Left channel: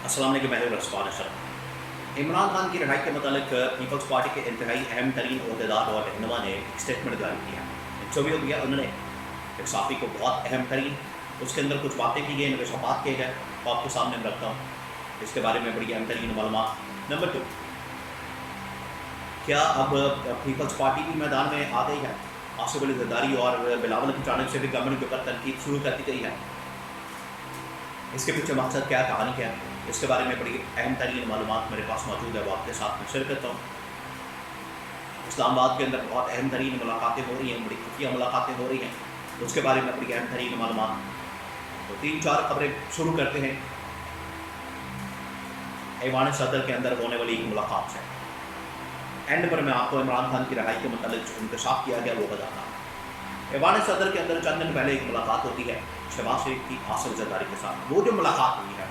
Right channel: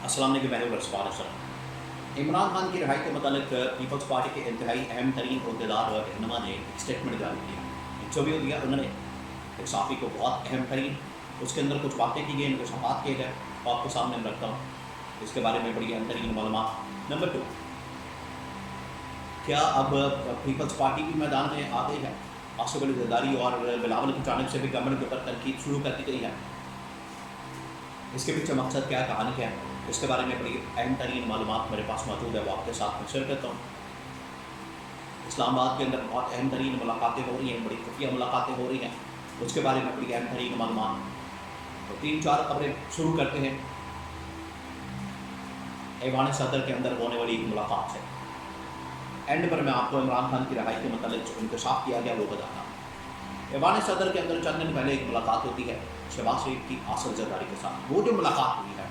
अस्सलाम वालेकुम, मैं हूं रसवान सर। इमरान खान की रिहाई के मतलब पीपल्स पार्टी के इंतहाई अहम तरीन अहदेदार और रहनुमा ने एक स्टेटमेंट जारी किया, इंटरव्यू दिया उन्होंने एक साफ़ी को, बहुत अहम तरीन। उसके अंदर कुछ बातें की गई, इंकशाफात किए गए, तो आपके सामने मैं रखता हूँ इसके बारे में बड़ी अहम तरीन मालूमात। नंबर 2, क्या अब पीपल्स पार्टी भी मैदान में आ गई है? आसिफ अली जरदारी और बिलावल की जानिब से भी गवर्नमेंट के ऊपर तनकीद शुरू कर दी गई है। इसके पीछे मकसद क्या, कहानी क्या है, इसके बारे में बड़ी अहम तरीन मालूमात मेरे पास मौजूद है, वो आपके साथ में शेयर करता हूँ। इस्लामाबाद के अंदर बहुत अहम तरीन मुलाकातें हो रही हैं, बड़ी खुफिया मुलाकातें हो रही हैं, उसके बारे में बड़ी अहम तरीन मालूमात। तो 3-4 खबरें शुरू करते हैं ऐवान सदर के अंदर होने वाली मुलाकात से। एंड पर मैं आपको इमरान खान की रिहाई के मतलब जो इंकशाफ किया गया वो बताता हूँ। ऐवान सदर के अंदर चंद दिन पहले एक मुलाकात होती है शहबाज शरीफ की आसिफ जरदारी के साथ। वो जो मुलाकात हुई है,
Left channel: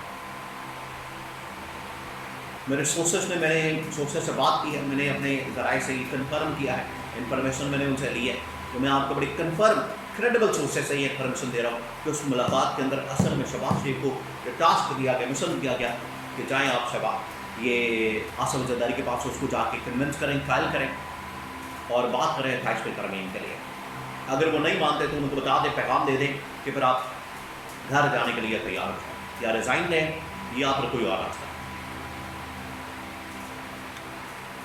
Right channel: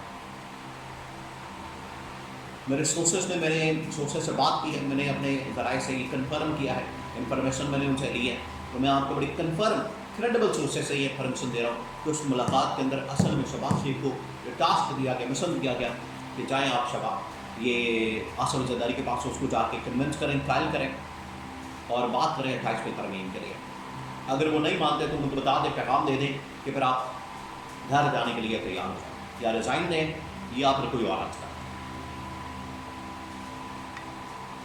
मेरे सोर्सेस से बात की है, मैंने अपने ज़राए से ये कन्फर्म किया है, इन्फॉर्मेशन मैंने उनसे ली है, तो मैं आपको बड़ी कन्फर्म क्रेडिबल सोर्सेस से ये इन्फॉर्मेशन दे रहा हूँ कि उस मुलाकात के अंदर असल में शहबाज शरीफ को ये टास्क दिया गया, मिशन दिया गया कि जाएँ आप ये आसिफ जरदारी के पास, उसको जाके कन्विंस करें, ट्रायल करें और बात करें 28वीं तरमीम के लिए। अगर वो नहीं मानते तो उनको बता दें, पैगाम दे दें कि फिर आप घर जाने के लिए तैयार हो जाएँ, या रिज़ाइन दें या फिर कोई और रास्ता।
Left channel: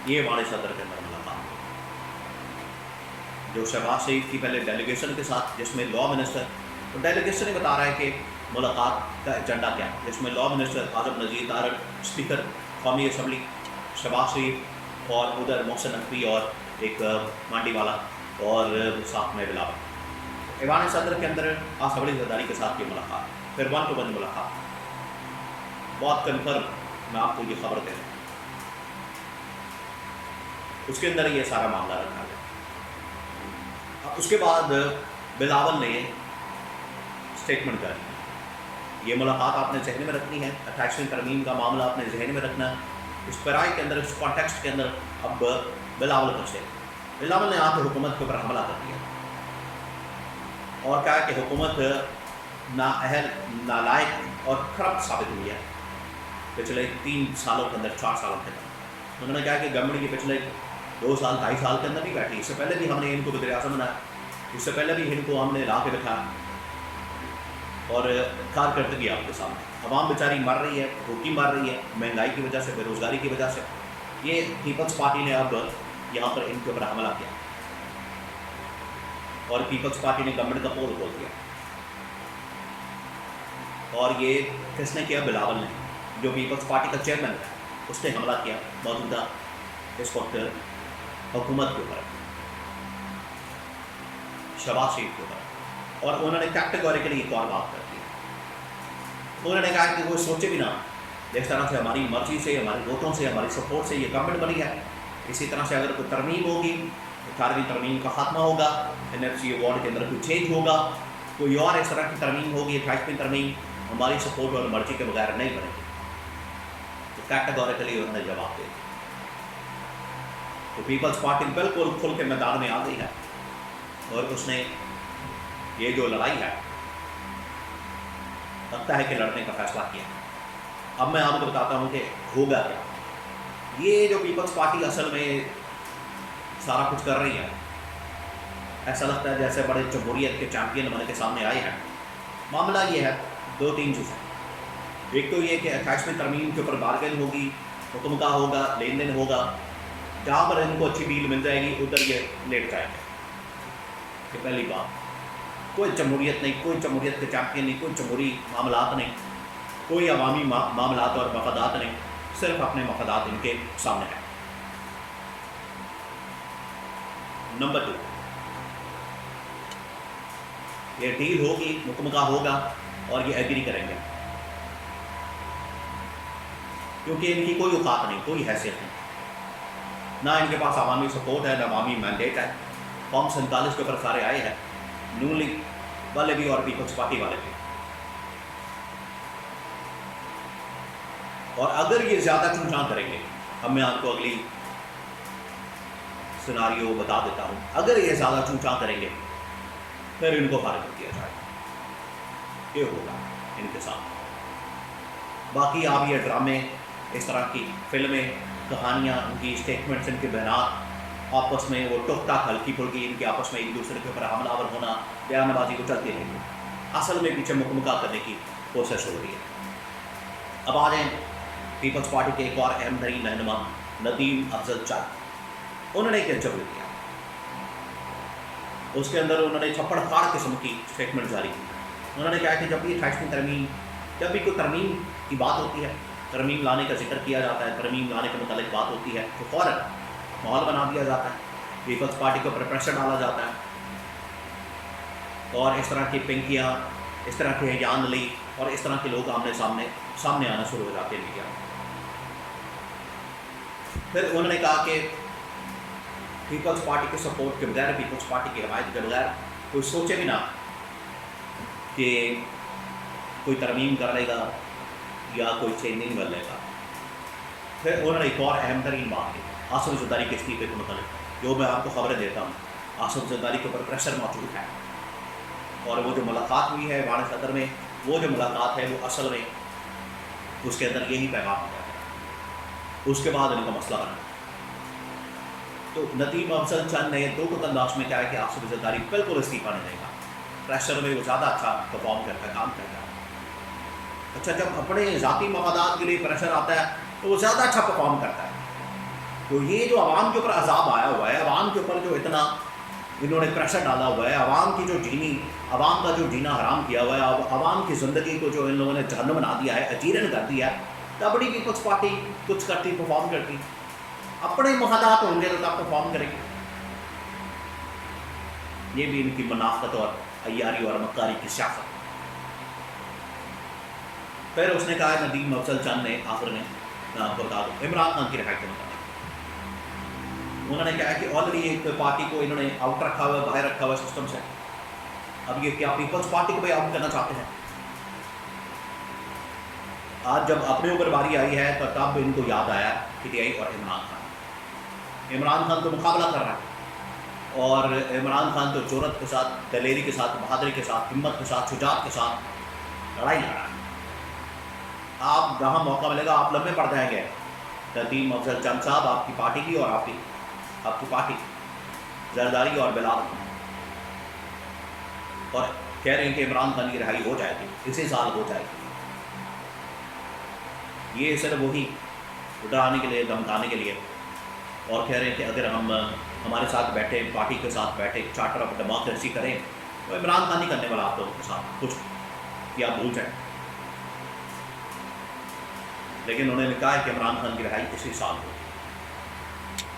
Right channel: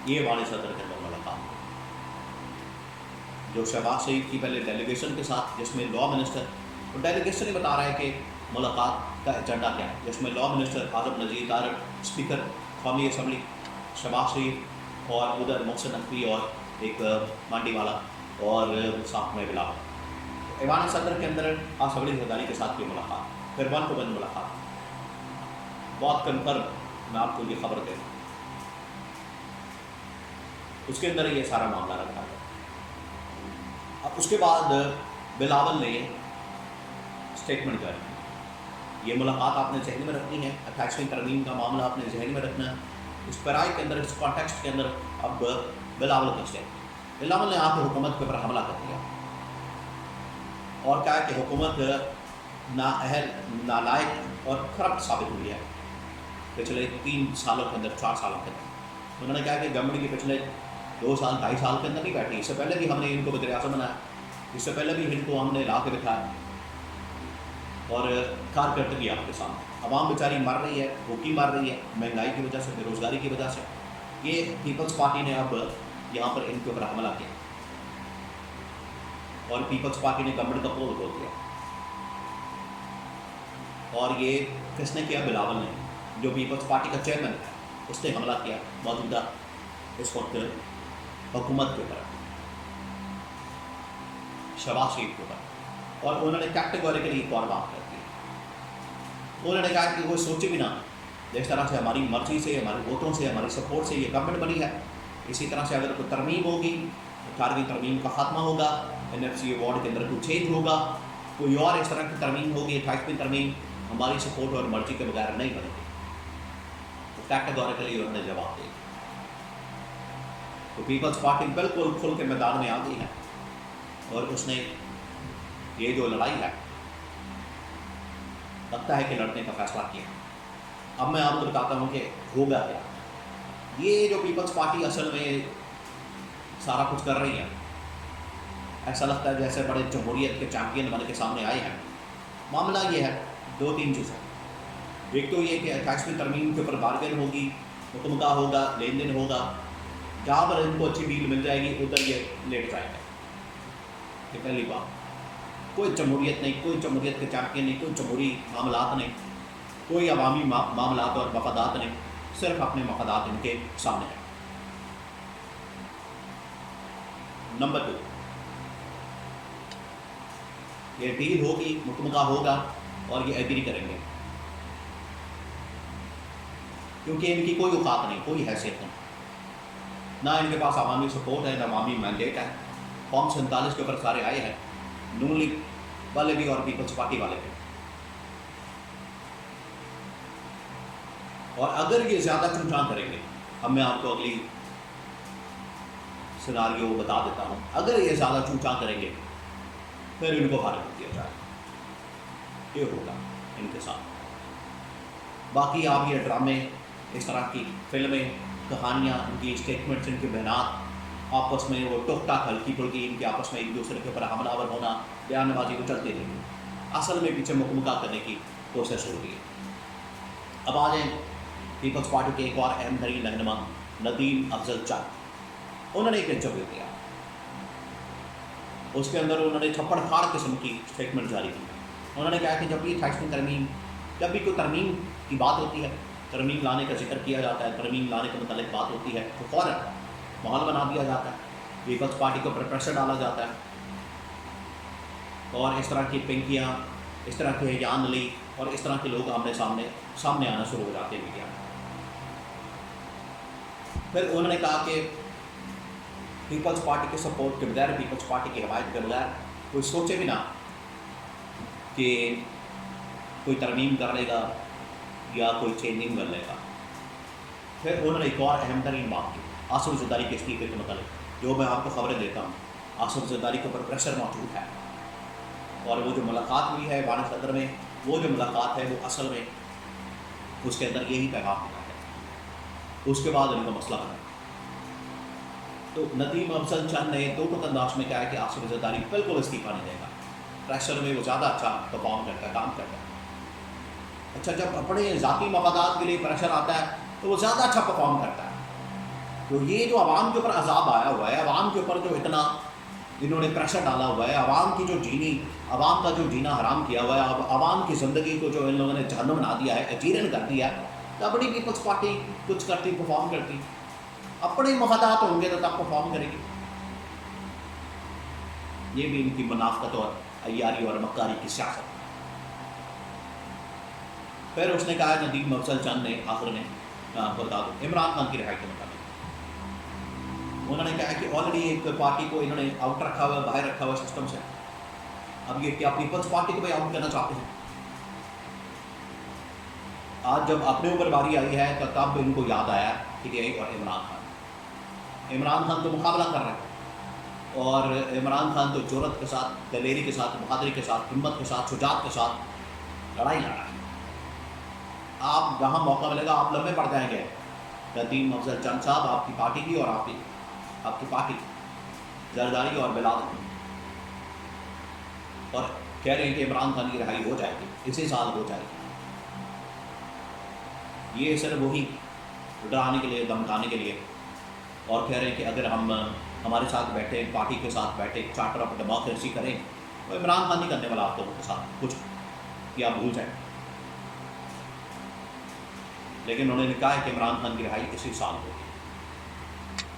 ये वाले सदर के अंदर मुलाकात हुई जो शहबाज शरीफ की पहले डेलीगेशन के साथ, जिसमें लॉ मिनिस्टर, तो डेलीगेशन ही बता रहा है कि मुलाकात का एजेंडा क्या है, जिसमें लॉ मिनिस्टर आजम नज़ीर तारड़, स्पीकर कौमी असम्बली शहबाज शरीफ, और उधर मोहसिन नकवी और एक मांडी वाला और साथ में बिलावल। तो ऐवान सदर के अंदर आसिफ अली जरदारी के साथ ये मुलाकात, फिर 1-to-1 मुलाकात, बहुत कन्फर्म मैं आपको ये खबर दे रहा हूँ। उसके अंदर ये सारा मामला रखा गया। अब उसके बाद बिलावल ने स्टेटमेंट कर दी। ये मुलाकात आपने जहन में रखनी है, 28वीं तरमीम का मामला आपने जहन में रखना है। इस पैराई के अंदर, इस कॉन्टेक्स्ट के अंदर अब बिलावल का स्टेप, बिलावल ने आके हुकूमत के ऊपर हमला कर दिया और कहा कि हुकूमत नाअहल, नालायक और करप्ट साबित हुई है पिछले 3 सालों के अंदर, 4 सालों के अंदर। उन्होंने कहा कि गवर्नमेंट के पिछले 2 साल, 2.5 साल के अंदर नहीं बैठी, इससे पहले भी हमने इनको वज़ीर-ए-आज़म बनाया, इससे पहले भी इनको हमने ला के बिठाया और कारकर्दगी आपके सामने। आवाम बेचारी मर रही है, भूखी मर रही है, महंगाई की वजह से, बेरोज़गारी की वजह से। ये पीपल्स पार्टी ने अब यहाँ पर इनके ऊपर हमला किया और पीपल्स पार्टी ने गवर्नमेंट का पोल खोल दिया। और ये किसने किया? बिलावल ने, जो पीपल्स पार्टी का चेयरमैन था, उसने हमला किया मौजूदा इस वक्त हुकूमत के ऊपर, शहबाज शरीफ के ऊपर। और उन्होंने कैटेगोरिकली एक और बात कर दी। उन्होंने कहा कि कोई सोचे भी ना, जिस तरह से हमारी मर्जी से, हमारे वोटों से, हमारी सपोर्ट से ये गवर्नमेंट बनी है, इसी तरह से अगर कोई तरमीम होगी, 18वीं तरमीम का खात्मा होगा, NFC अवार्ड के अंदर कोई चेंज होगा, कोई और इस तरह की तरमीम होगी, 28वीं तरमीम हमारी सपोर्ट और मर्जी के बगैर नहीं बनेगी। तो कैटेगोरिकली उन्होंने जवाब दे दिया। तो पीपल्स पार्टी बिल्कुल खुल के मैदान में आ गई है और उसने ये जो लड़ाई है, लगता है कि लड़ने का फैसला किया। अब मैं आपको बताता हूँ कि होगा क्या। ये जो पीपल्स पार्टी असल में सारा कुछ कर रही है, ऐसा लगता है जैसे बड़े जमहूरियत के चैंपियन बन के सामने आए हैं। मामला ये है, 2-3 चीज़ें। एक तो ये कि 28वीं तरमीम के ऊपर बार्गेन होगी, हुक्म का होगा, लेन देन होगा, जहाँ पर इनको अच्छी डील मिल जाएगी उधर ये लेट जाएंगे। ये पहली बात। कोई जमहूरियत नहीं, कोई जमहूरियत के चैंपियन नहीं, कोई जमहूरी मामलात नहीं, कोई अवामी मामलात और मफादात नहीं, सिर्फ अपने मफादात इनके सामने हैं। नंबर 2, ये डील होगी, हुक्म का होगा और ये एग्री करेंगे, क्योंकि इनकी कोई औकात नहीं, कोई हैसियत नहीं, ना इनके पास अवामी सपोर्ट है, ना अवामी मैंडेट है। फॉर्म 47 के ऊपर सारे आए हैं, नून लीग वाले भी और पीपल्स पार्टी वाले भी। और अगर ये ज़्यादा चूचां करेंगे, अब मैं आपको अगली सिनारियो बता देता हूँ, अगर ये ज़्यादा चूचां करेंगे फिर इनको फारिग कर दिया जाएगा। ये होगा इनके साथ। باقی آپ یہ ڈرامے، اس طرح کی فلمیں، کہانیاں، ان کی اسٹیٹمنٹس، ان کے بیانات، آپس میں وہ ٹوک ٹاک ہلکی پھلکی، ان کے آپس میں ایک دوسرے کے اوپر حملہ آور ہونا، بیان بازی وہ چلتی رہے گی، اصل میں پیچھے مکمکہ کرنے کی کوشش ہو رہی ہے۔ اب آ جائیں پیپلز پارٹی کے ایک اور اہم ترین رہنما ندیم افضل چند، انہوں نے ایک انٹرویو دیا، اس کے اندر انہوں نے چھپڑ پھاڑ قسم کی اسٹیٹمنٹ جاری کی۔ انہوں نے کہا کہ جب یہ 28ویں ترمیم، جب بھی کوئی ترمیم کی بات ہوتی ہے، ترمیم لانے کا ذکر کیا جاتا ہے، ترمیم لانے کے متعلق بات ہوتی ہے، تو فوراً ماحول بنا دیا جاتا ہے، پیپلز پارٹی کے اوپر پریشر ڈالا جاتا ہے، اور اس طرح کی پنکیاں، اس طرح کے یان علی اور اس طرح کے لوگ آمنے سامنے آنا شروع ہو جاتے ہیں میڈیا میں۔ پھر انہوں نے کہا کہ پیپلز پارٹی کے سپورٹ کے بغیر، پیپلز پارٹی کی حمایت کے بغیر کوئی سوچے بھی نہ کہ کوئی ترمیم کر لے گا یا کوئی چینجنگ کر لے گا۔ پھر انہوں نے ایک اور اہم ترین بات کی آصف زرداری کے استعفے کے متعلق، جو میں آپ کو خبریں دیتا ہوں، آصف زرداری کے اوپر پریشر موجود ہے، اور وہ جو ملاقات ہوئی ہے ایوان صدر میں، وہ جو ملاقات ہے وہ اصل میں اس کے اندر یہی پیغام دیا ہے، اس کے بعد ان کا مسئلہ بنا۔ تو ندیم افضل چند نے دو ٹوک انداز میں کہا ہے کہ آصف زرداری بالکل استعفیٰ نہیں دے گا، پریشر میں وہ زیادہ اچھا پرفارم کرتا ہے، کام کرتا ہے۔ اچھا، جب اپنے ذاتی مفادات کے لیے پریشر آتا ہے تو وہ زیادہ اچھا پرفارم کرتا ہے۔ تو یہ جو عوام کے اوپر عذاب آیا ہوا ہے، عوام کے اوپر جو اتنا انہوں نے پریشر ڈالا ہوا ہے، عوام کی جو عوام کا جو جینا حرام کیا ہوا ہے، عوام کی زندگی کو جو ان لوگوں نے جہنم بنا دیا ہے، اجیرن کر دیا ہے، تو اپنی پیپلز پارٹی کچھ کرتی، پرفارم کرتی، اپنے مفادات ہوں گے تو تب پرفارم کرے گی۔ یہ بھی ان کی منافقت اور عیاری اور مکاری کی سیاست۔ پھر اس نے کہا ندیم افضل چند نے آخر میں، میں آپ کو بتا دوں، عمران خان کی رہائی کے متعلق انہوں نے کہا کہ آلریڈی ایک پارٹی کو انہوں نے آؤٹ رکھا ہوا ہے، باہر رکھا ہوا ہے سسٹم سے، اب یہ کیا پیپلز پارٹی کو بھی آؤٹ کرنا چاہتے ہیں؟ آج جب اپنے اوپر باری آئی ہے تو تب ان کو یاد آیا پی ٹی آئی اور عمران خان تو مقابلہ کر رہا ہے، اور عمران خان تو جرأت کے ساتھ، دلیری کے ساتھ، بہادری کے ساتھ، ہمت کے ساتھ، شجاعت کے ساتھ لڑائی لڑ رہا ہے۔ آپ جہاں موقع ملے گا آپ لمبے پڑ جائیں گے، ندیم افضل چند صاحب آپ کی پارٹی کی اور آپ کی پارٹی زرداری اور بلاول، اور کہہ رہے ہیں کہ عمران خان کی رہائی ہو جائے گی، اسی سال ہو جائے گی۔ یہ صرف وہی ڈرانے کے لیے، دھمکانے کے لیے، اور کہہ رہے ہیں کہ اگر ہم ہمارے ساتھ بیٹھے، پارٹی کے ساتھ بیٹھے، چارٹر آف ڈیموکریسی کریں تو عمران خان نہیں کرنے والا آپ لوگوں کے ساتھ کچھ، یہ آپ بھول جائیں۔ لیکن انہوں نے کہا ہے کہ عمران خان کی رہائی اسی سال ہوگی۔